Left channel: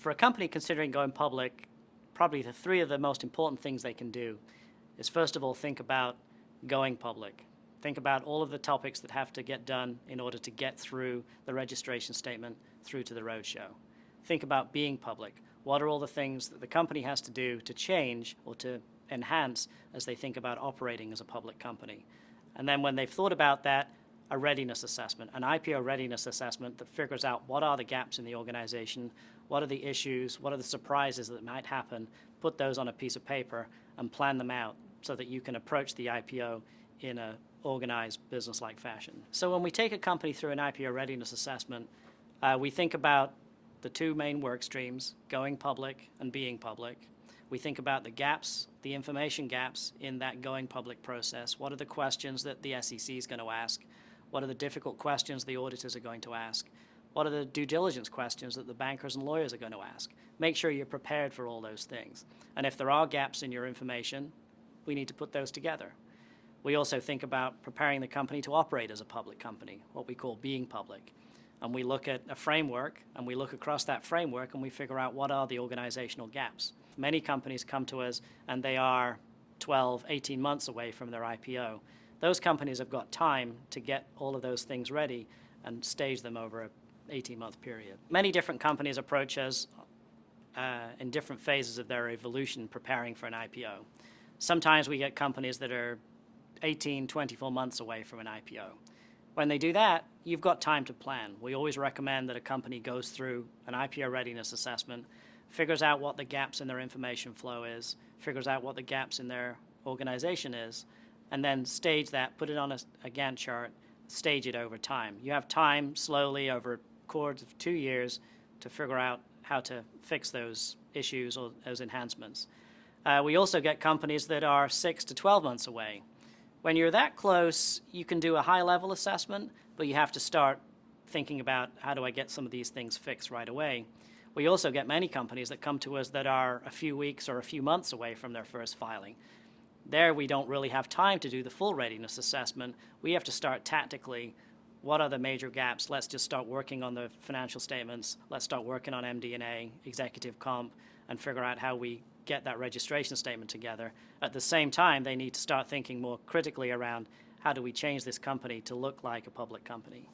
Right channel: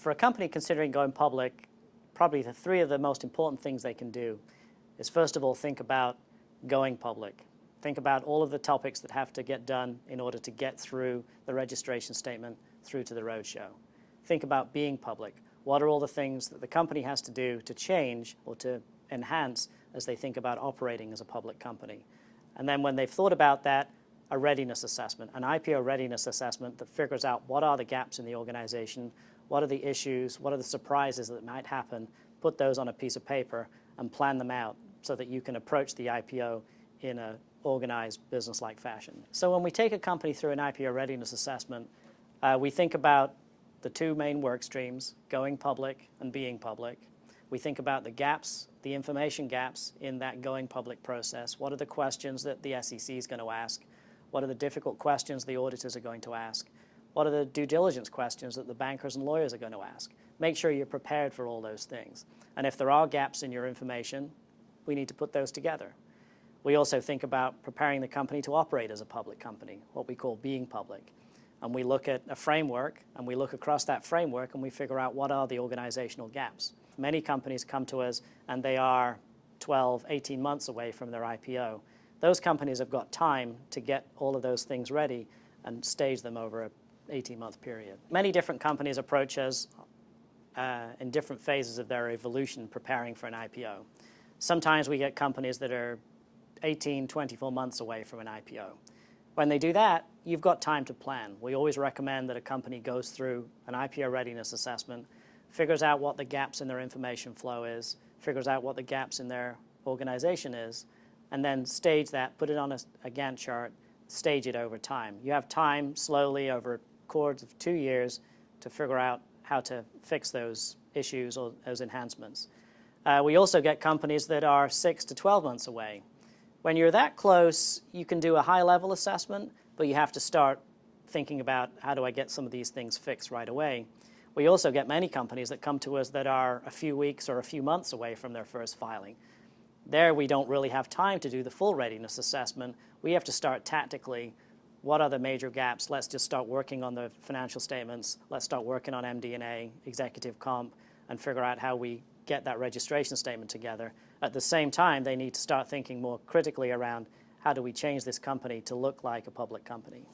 for a company considering going public, probably the three of the most important things they can do is, first of all, think about going public. Think about all of the topics that have to get done in order to get through the registration statement through to the roadshow. Think about being public. What are all the things that the company has to do to change or to enhance as they think about operating as a public company? And then when they've thought about that, a readiness assessment, an IPO readiness assessment that figures out what are the gaps in the organization, what are the issues, what are the surprises that might happen, put those on a piece of paper and plan them out so that you can approach the IPO in an organized, business-like fashion. So when we take a company through an IPO readiness assessment, we think about the two main work streams, going public and being public. We think about the gaps, the information gaps in that going public process. What are the questions that the SEC is going to ask? What are the difficult questions the auditors are going to ask? What are the due diligence questions that the bankers and lawyers are going to ask? Make sure you're prepared for all those things. And if there are gaps in your information, we need to put those together. We also think about preparing the company to operate as a public company, what we call being public. And we look at a framework, and we look across that framework, and we figure out what are the organizational gaps. Many companies come to us, and they are 12, 18 months away from their IPO. Those companies have got time to get all of those things ready and stage them over an 18-month period. Many different companies approach us in different phases of their evolution preparing for an IPO. Sometimes we get companies that are 18, 24 months away from an IPO. When they do that, you've got time to plan. We always recommend that a company goes through an IPO readiness assessment, figures out what the gaps in their information flow is, figures out what the gaps in their organization is, and then stage that, put it on a Gantt chart, stage it over time. You have time slowly over a course of 2 years to figure out how to fix those issues or those enhancements. We also get companies that are 6 to 12 months away. When you're that close, you can do a high-level assessment, but you have to start thinking about how do I get some of these things fixed right away. We also get many companies that come to us that are a few weeks or a few months away from their first filing. There we don't really have time to do the full readiness assessment. We have to start tactically. What are the major gaps? Let's just start working on the financial statements. Let's start working on MD&A, executive comp, and figure out how we get that registration statement together. At the same time, they need to start thinking more critically around how do we change this company to look like a public company.